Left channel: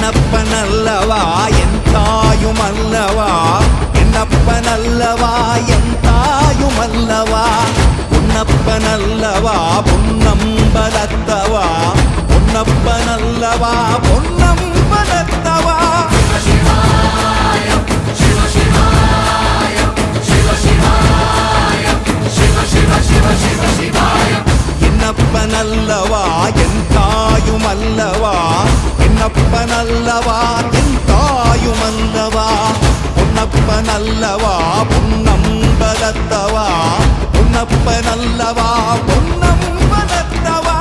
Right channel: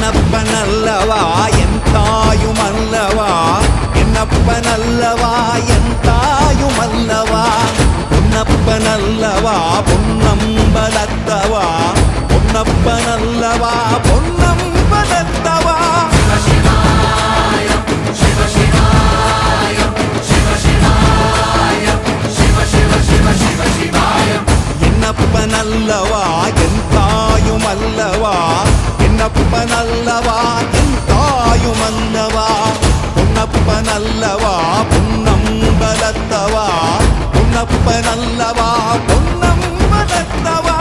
என்னப்பனல்லவா என் தாயுமல்லவா என்னப்பனல்லவா என் தாயுமல்லவா பொன்னப்பனல்லவா பொன்னம்பலத்தவா பொன்னப்பனல்லவா பொன்னம்பலத்தவா என்னப்பனல்லவா என் தாயுமல்லவா என்னப்பனல்லவா என் தாயுமல்லவா பொன்னப்பனல்லவா பொன்னம்பலத்தவா பொன்னப்பனல்லவா பொன்னம்பலத்தவா